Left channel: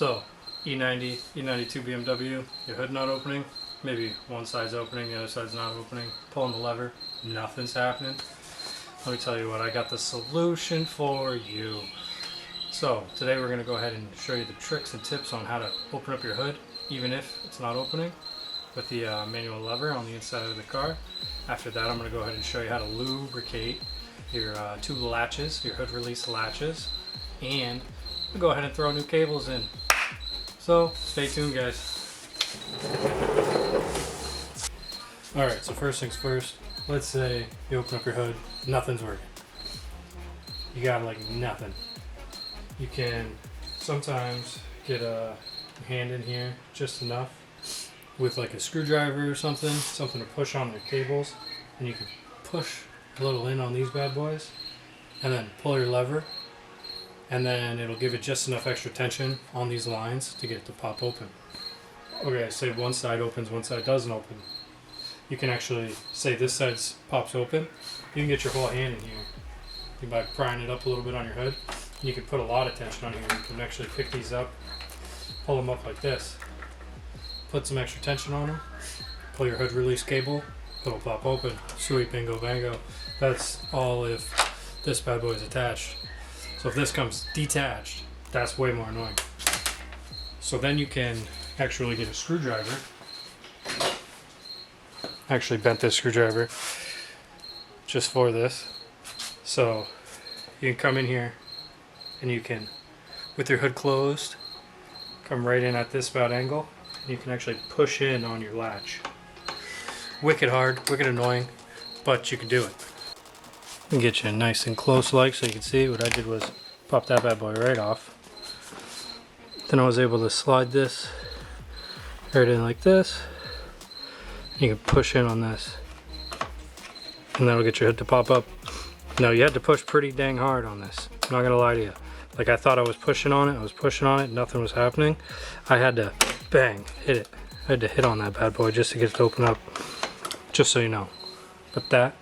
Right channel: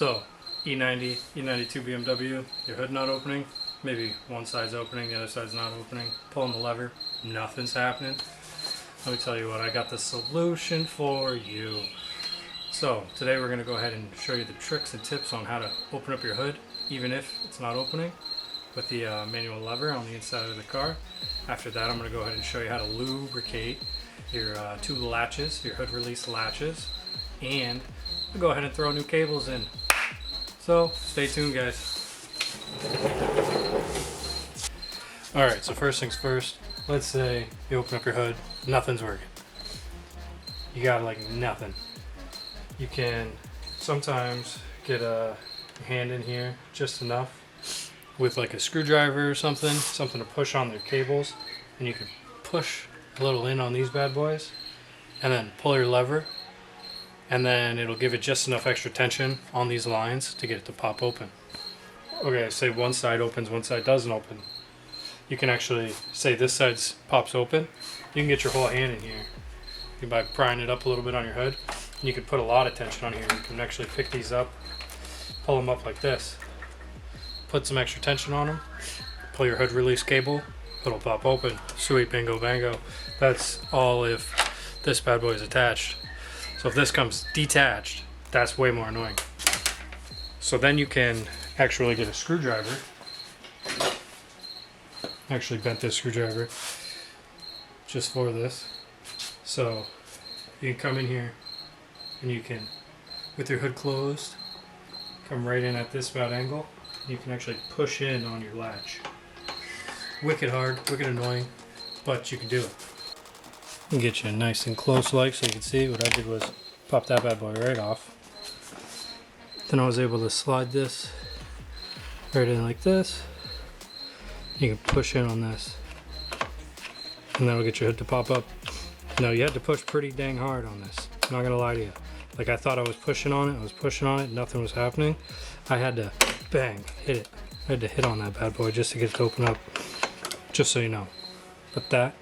So, E90, E92 BMW, your hood not opening, maybe one side's opening, the other side's not opening, pulling the lever, nothing's happening. Let me tell you what, I got the solution for you. So, today we're going to go ahead and show you the tricks and tips on how to open up your hood, even if it's not opening, with the manual lever on the inside of the car. After that, I'm going to go ahead and show you how to lubricate your two latches, your hood release latches, and we'll go ahead and throw new cables in. So stay tuned, guys. Alright, so first things first, let's say you open up your hood, nothing's working. You got like nothing. You can sometimes get a hand in here just enough with like a screwdriver or something to push on the cables, and you can push a little in on these bad boys and then pull your lever, and then it'll give it just enough extra tension on these lines to get it to pop open. Okay, say one side opens, one side doesn't open. You can actually say this side pops open. You can get your whole hand in here by prying it up a little bit on your hood. You can put a lot of tension on here. You can actually pick these up, pull them up like this, put some extra tension on them, pull your hood release cable, it'll pop open. Sweet, bingo bango. That's all if this bad boy is attached. So if this comes detached, that's way more annoying. So then you can actually get a screwdriver. I actually bent this screwdriver just for this. So you can come in here and you can, with your hood closed, come right in at this bad angle. You can actually push in on your latch. Wicked hard, wicked annoying, but you can do it. And get you nice and close like so you can see. What I did was pop that bad boy right off. Then I was able to slide this right in like this. You can push in on this, and that'll get your hood to pop up. Now you had to push pretty dang hard on this, I'm not gonna lie to you. Like, I thought I was pushing on it, nothing was happening. I had to bang, hit it. I had to hit on that bad boy just to get it to open up, just so you know. But that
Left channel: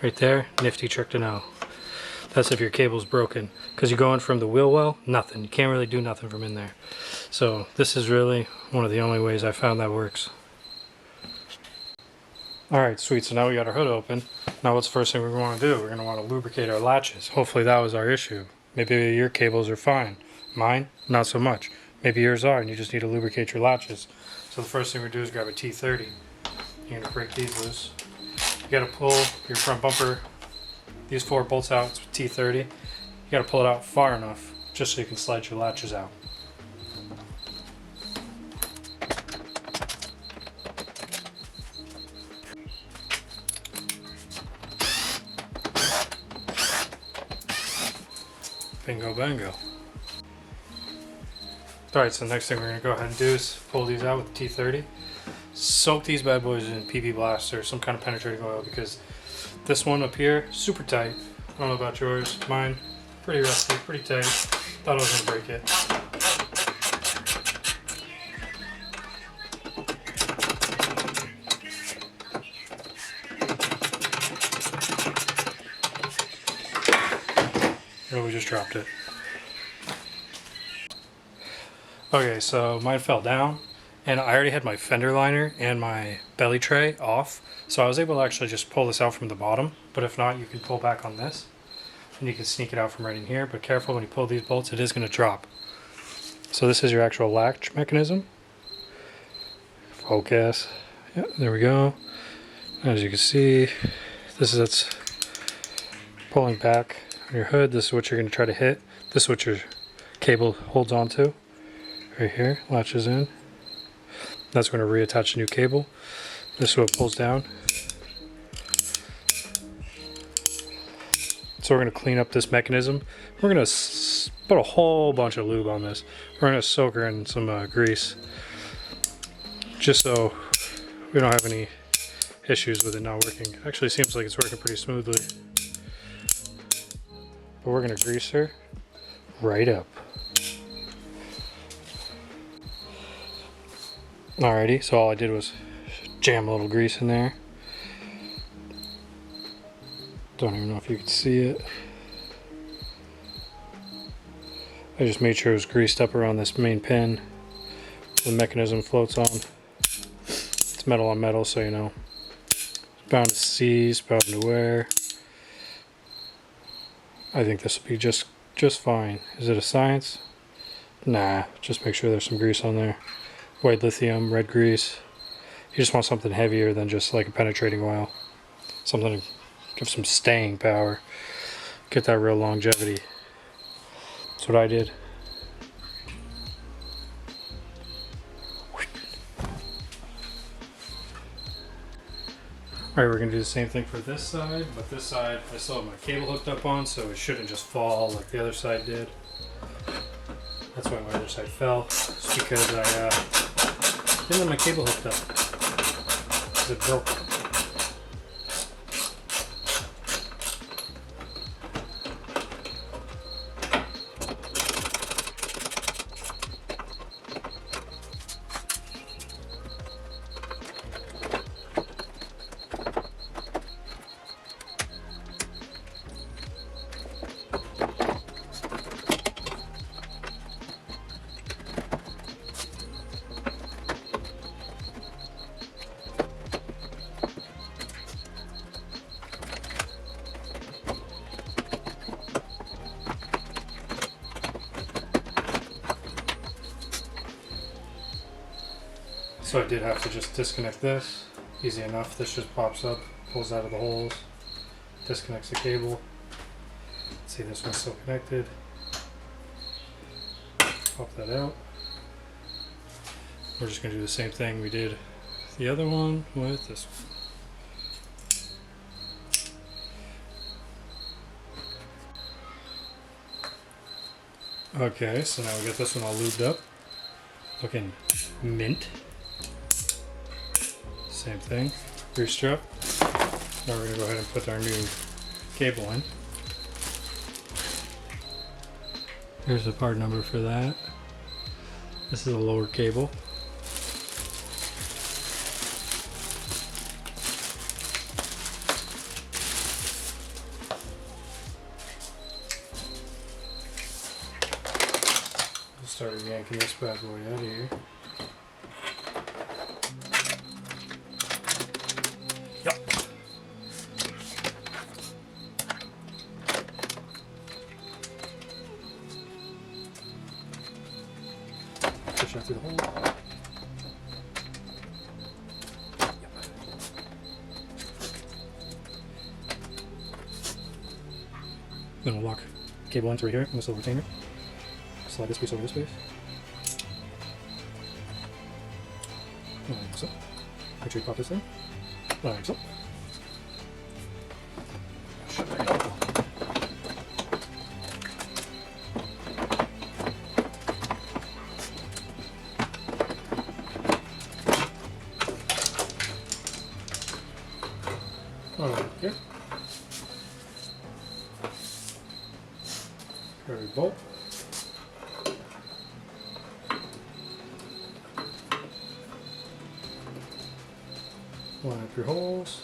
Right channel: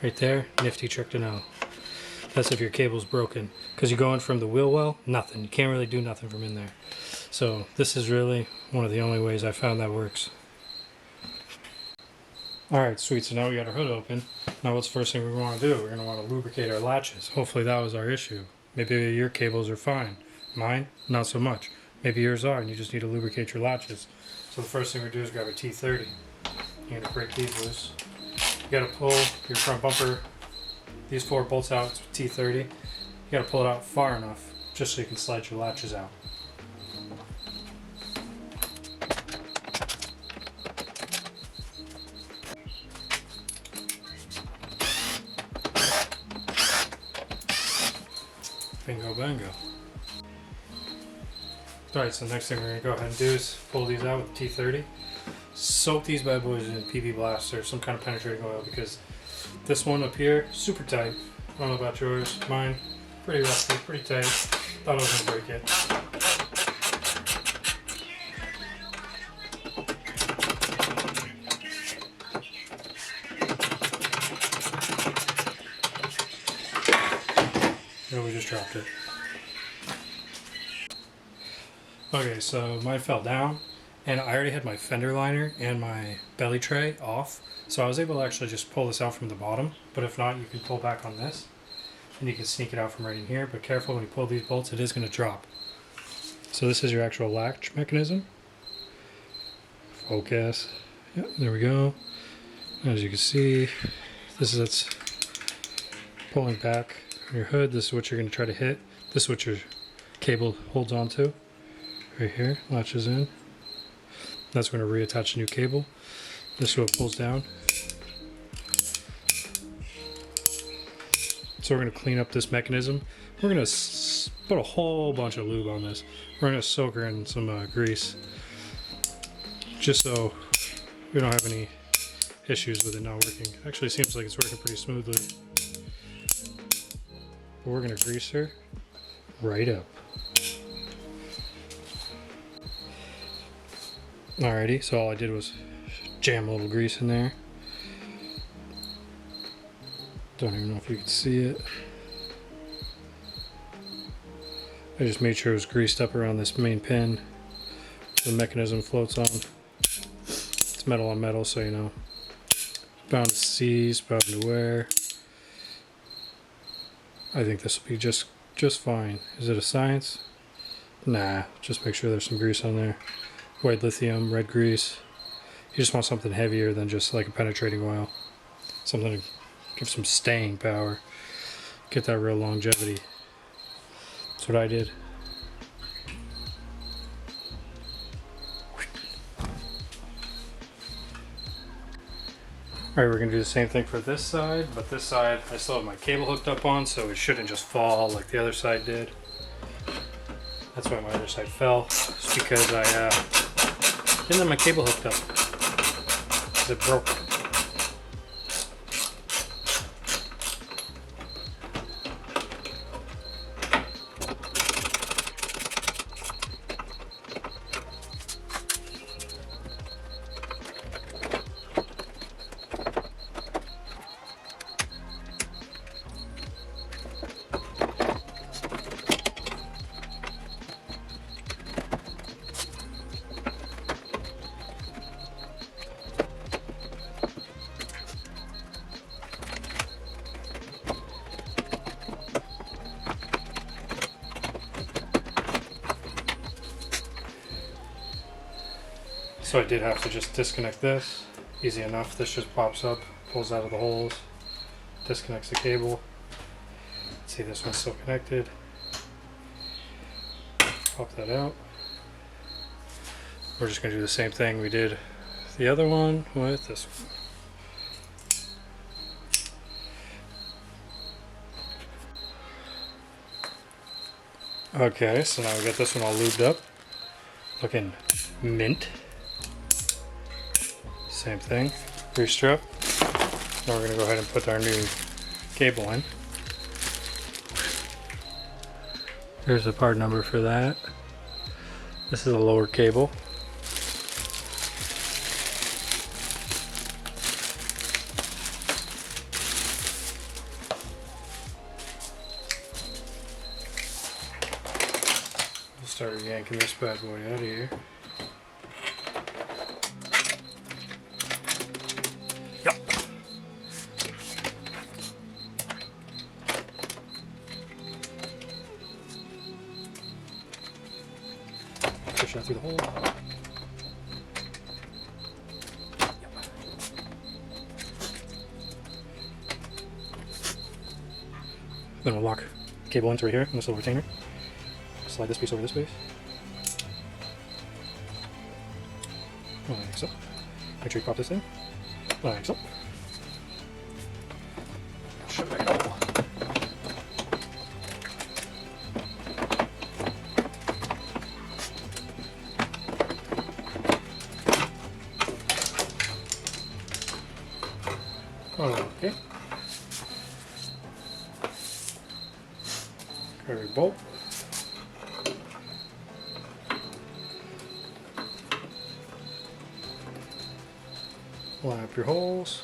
right there, nifty trick to know. That's if your cable's broken, because you're going from the wheel well, nothing. You can't really do nothing from in there. So this is really one of the only ways I found that works. Alright, sweet, so now we got our hood open. Now what's the first thing we want to do? We're going to want to lubricate our latches. Hopefully that was our issue. Maybe your cables are fine. Mine, not so much. Maybe yours are and you just need to lubricate your latches. So the first thing we do is grab a T30. You're going to break these loose. You got to pull your front bumper, these four bolts out, it's T30. You got to pull it out far enough just so you can slide your latches out. Bingo bango. Alright, so the next thing we're going to go ahead and do is pull these out with the T30. Soak these bad boys in PV Blast or some kind of penetrating oil, because this one up here, super tight. I don't know about yours. Mine, pretty rusty, pretty tight. Thought I was going to break it. Oh, we just dropped it. Okay, so mine fell down, and I already had my fender liner and my belly tray off, so I was able to actually just pull this out from the bottom. But if not, you can pull back on this and you can sneak it out from right in here. But careful, when you pull these bolts, it is going to drop. So this is your actual latch mechanism. Focus. Yeah, there we go. As you can see, this is it's pulling back on your hood. This is what you're going to try to hit. This is what your cable holds onto. Right here, latches in. That's going to reattach a new cable. This is what pulls down. So we're going to clean up this mechanism. We're going to put a whole bunch of lube on this. We're going to soak her in some grease, just so we don't have any issues with it not working. It actually seems like it's working pretty smoothly. But we're going to grease her right up. Alrighty, so all I did was jam a little grease in there. Don't even know if you can see it. I just made sure it was greased up around this main pin the mechanism floats on. It's metal on metal, so you know. It's bound to seize, bound to wear. I think this will be just fine. Is it a science? Nah, just make sure there's some grease on there. White lithium, red grease. You just want something heavier than just like a penetrating oil. Something to give some staying power. Get that real longevity. That's what I did. Alright, we're going to do the same thing for this side, but this side I still have my cable hooked up on, so it shouldn't just fall like the other side did. That's why my other side fell, just because I didn't have my cable hooked up, because it broke. So I did have to just disconnect this. Easy enough. This just pops up, pulls out of the holes, disconnects the cable. See, this one's still connected. Pop that out. We're just going to do the same thing we did the other one with this one. Okay, so now we got this one all lubed up. Looking mint. Same thing, grease strip. Now we're going to go ahead and put our new cable in. Here's the part number for that. This is a lower cable. We'll start yanking this bad boy out of here. Push that through the hole. Then we'll lock the cable into right here on this little retainer. Slide this piece over this piece. Like so. Make sure you pop this in. Like so. Okay. Carry bolt. Line up your holes.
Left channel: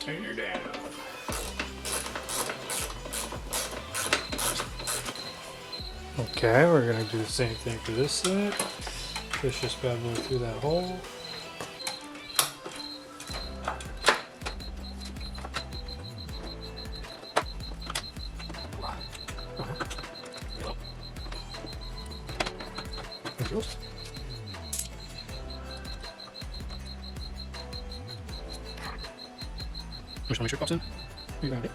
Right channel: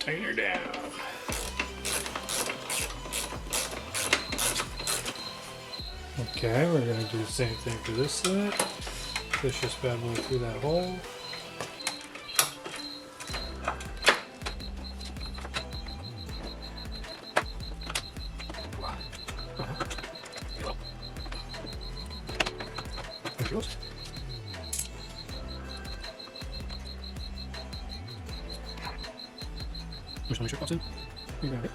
Tighten her down. Okay, we're going to do the same thing for this side. Push this bad boy through that hole. Just make sure it pops in. You got it.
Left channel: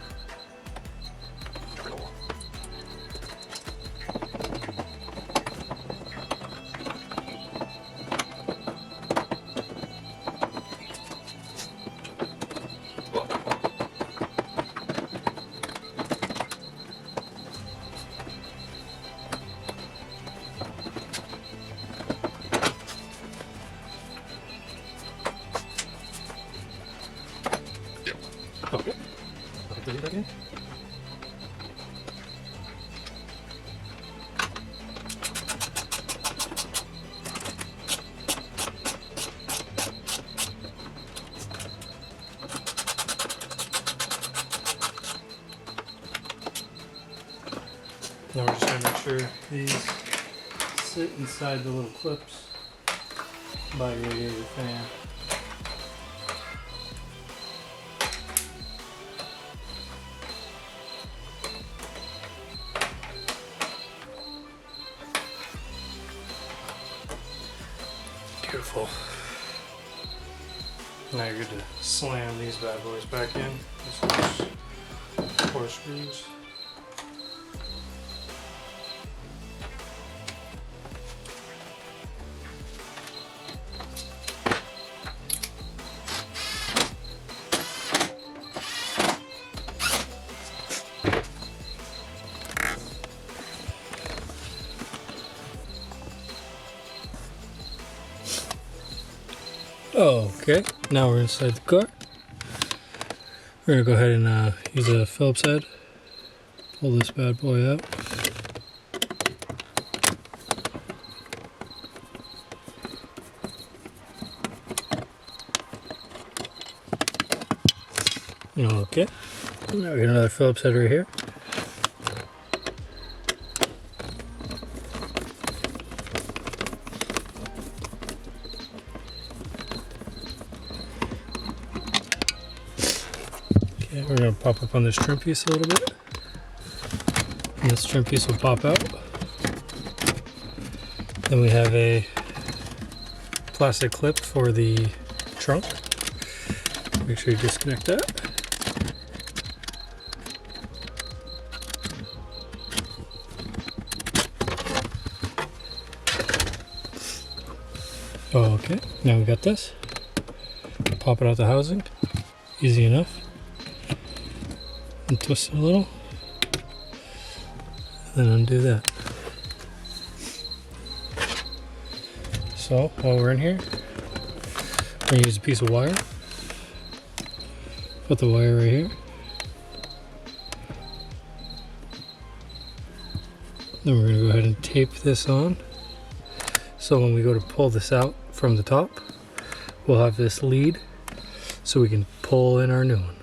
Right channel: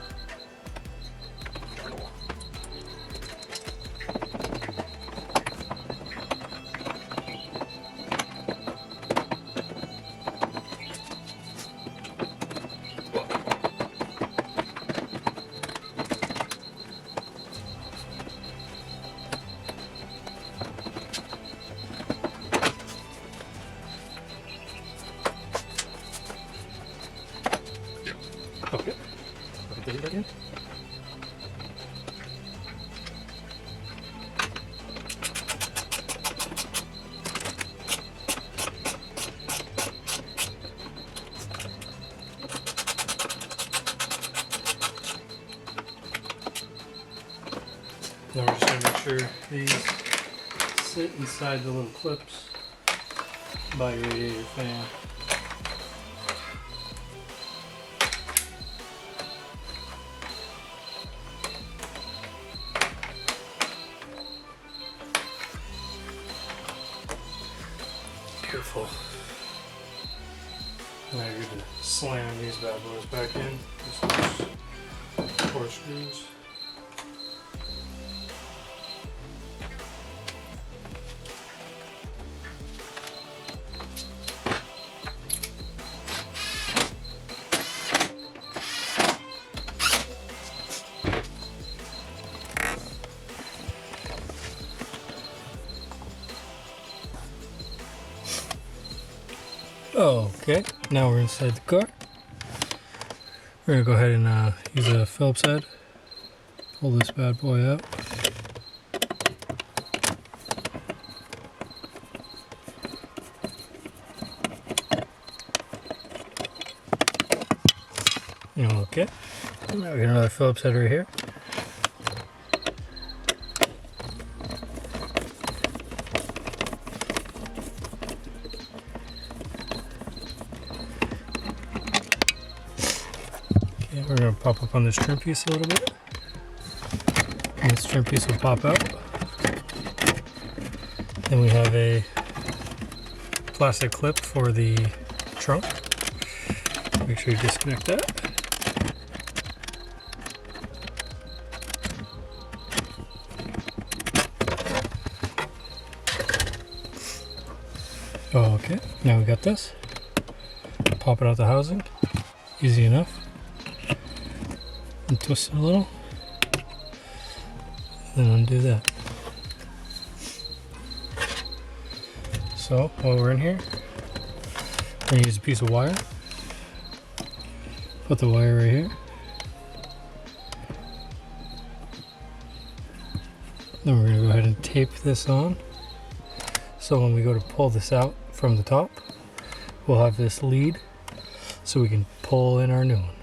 Okay. again. Now we're just going to make sure these sit inside the little clips by your radiator fan. Beautiful. Now you're good to slam these bad boys back in. Just 4 screws. Okay, now we're inside the car. We're gonna go ahead and use a Phillips head. Pull this bad boy out. Okay, now we got another Phillips head right here. Okay, we're going to pop up on this trim piece a little bit. And this trim piece will pop out. Then we have a plastic clip for the trunk. Make sure you disconnect that. Okay, now we got this. Pop it out the housing. Easy enough. And twist it a little. And then undo that. So while we're in here, we're going to use a piece of wire. Put the wire right here. Then we're going to go ahead and tape this on. So when we go to pull this out from the top, we'll have this lead so we can pull in our new one.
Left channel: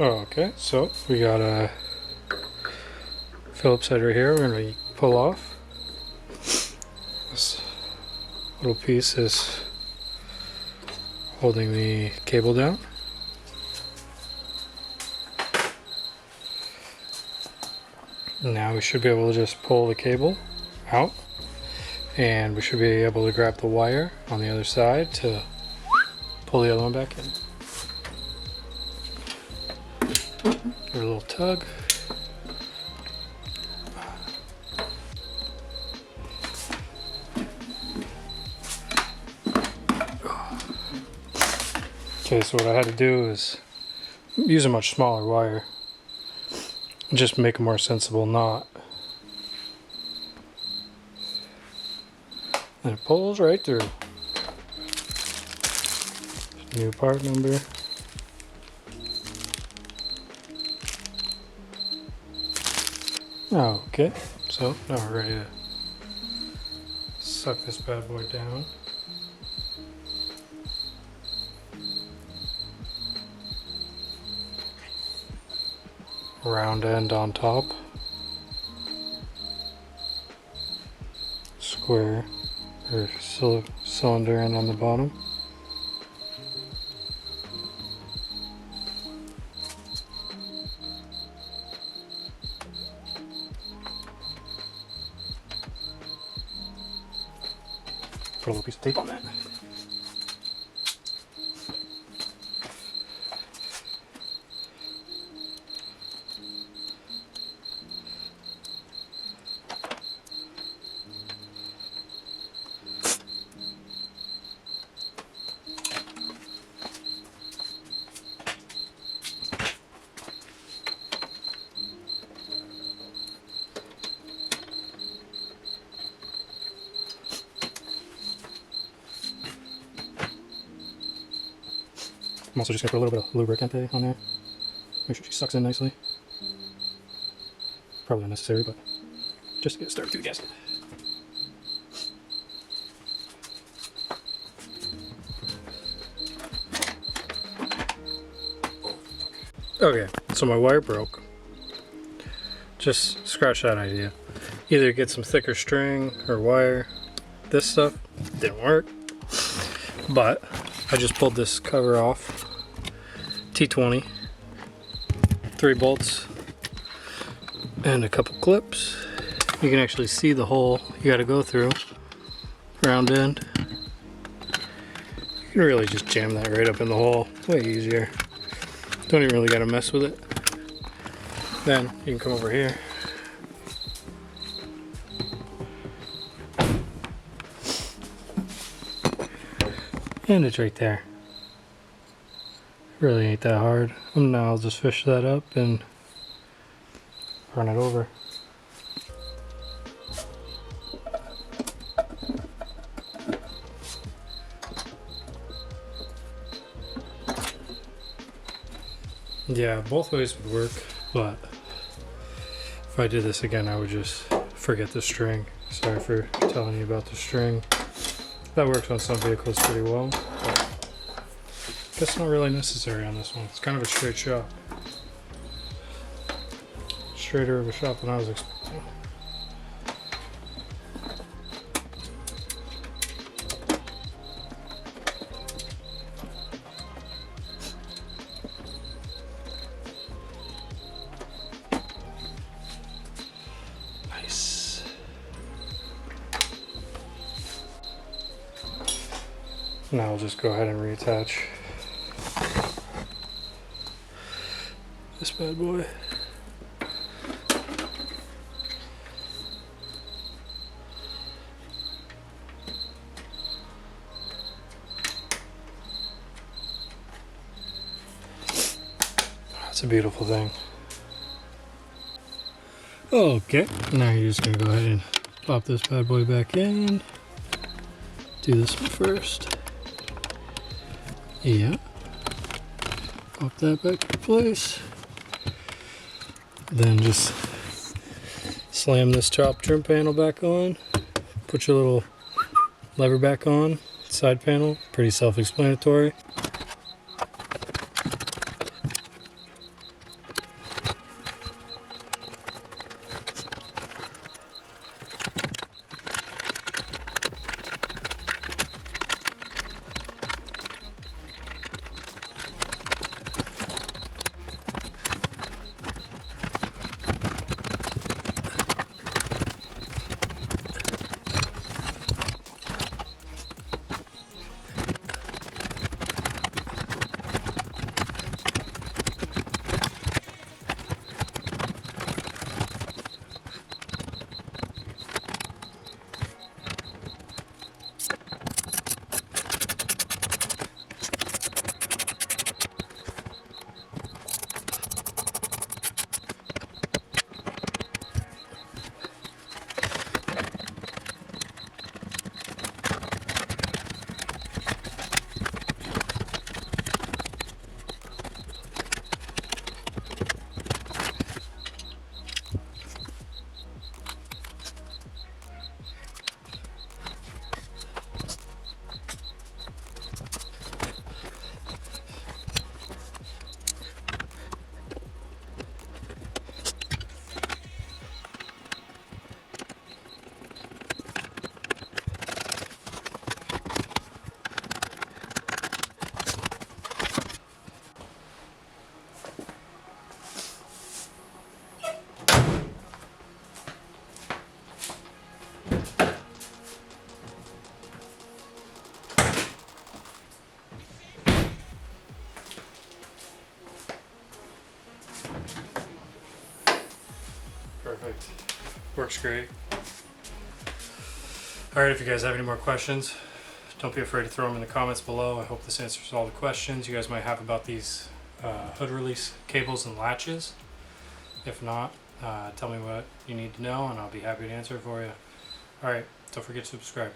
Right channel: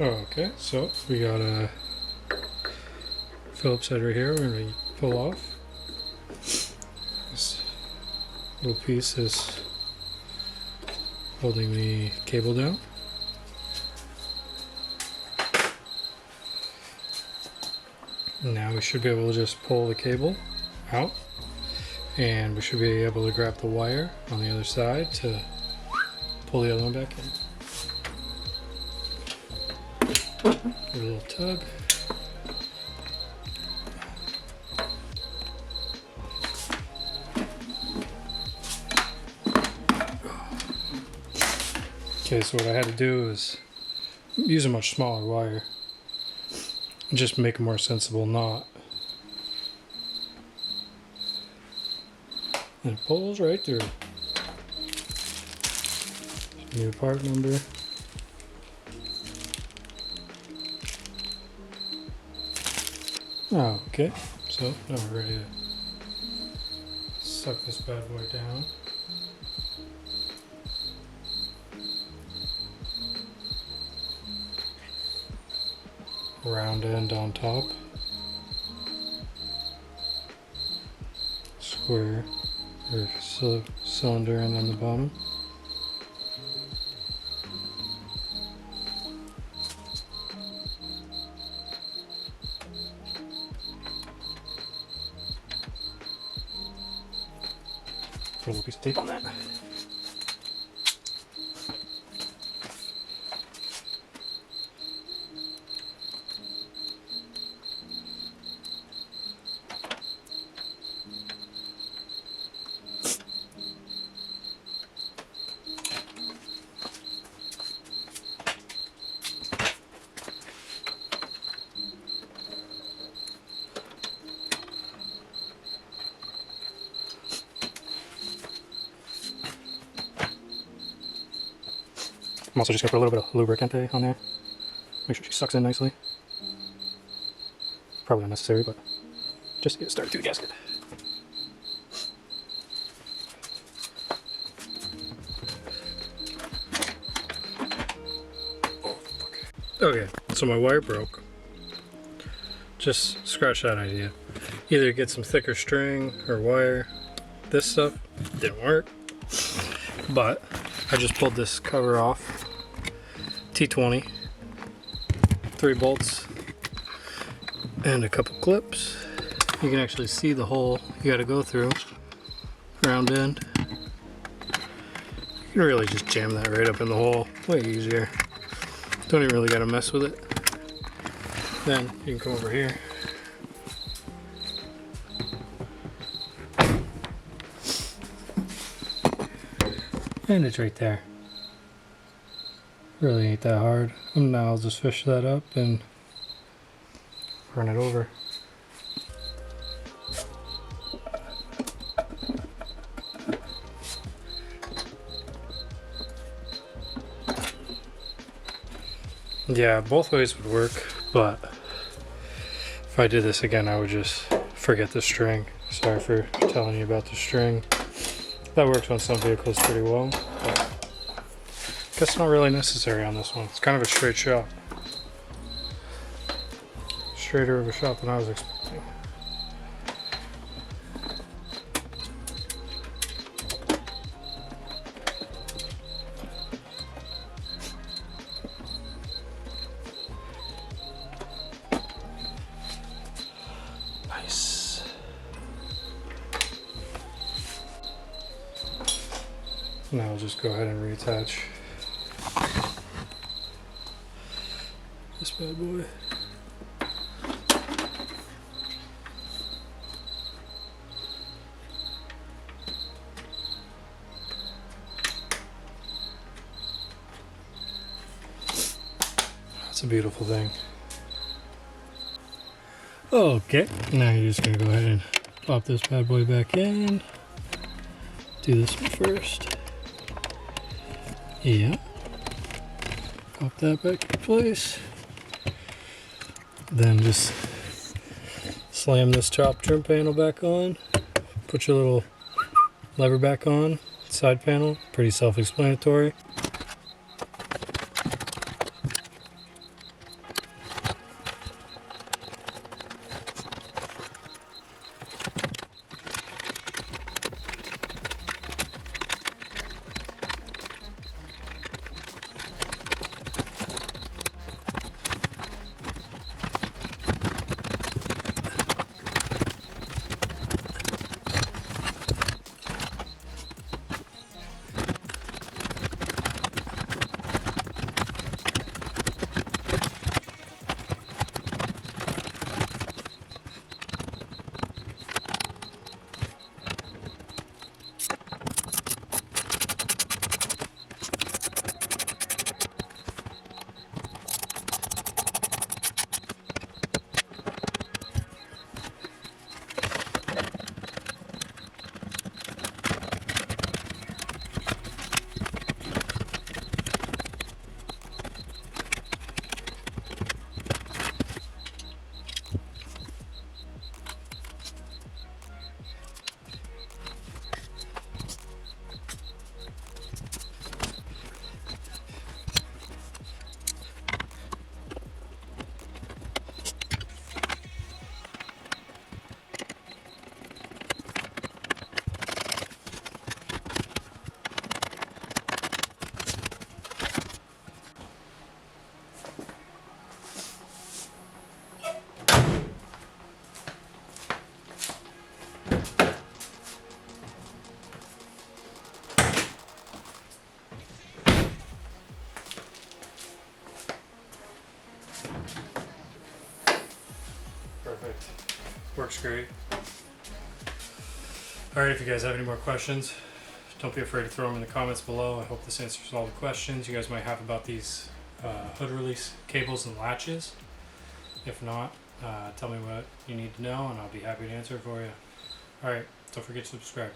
Okay, so we got a Phillips head right here. We're going to pull off. This little piece is holding the cable down. Now we should be able to just pull the cable out, and we should be able to grab the wire on the other side to pull the other one back in. Give it a little tug. Okay, so what I had to do is use a much smaller wire and just make a more sensible knot. And it pulls right through. New part number. Oh, okay, so now we're ready to suck this bad boy down. Round end on top. Square or cylinder end on the bottom. Put a little piece of tape on that. I'm also just going to put a little bit of lubricant on there. Make sure she sucks in nicely. Probably not necessary, but just to get it started through the gasket. Okay, so my wire broke. Just scratch that idea. Either get some thicker string or wire. This stuff didn't work, but I just pulled this cover off. T20, 3 bolts, and a couple clips. You can actually see the hole you gotta go through, round end. You can really just jam that right up in the hole, way easier. Don't even really gotta mess with it. Then you can come over here. And it's right there. Really ain't that hard. And now I'll just fish that up and run it over. Yeah, both ways would work, but if I did this again, I would just forget the string. Sorry for telling you about the string. That works on some vehicles pretty well, but I guess not really necessary on this one. It's kind of a straight shot. Straighter of a shot than I was expecting. Nice. Now I'll just go ahead and reattach this bad boy. It's a beautiful thing. Okay, now you're just gonna go ahead and pop this bad boy back in. Do this one first. Yeah. Pop that back into place. Then just slam this top trim panel back on. Put your little lever back on. Side panel, pretty self-explanatory. Perfect. Works great. Alright, if you guys have any more questions, don't be afraid to throw them in the comments below. I hope this answers all the questions you guys might have about these hood release cables and latches. If not, tell me what you need to know and I'll be happy to answer it for you. Alright, don't forget to subscribe.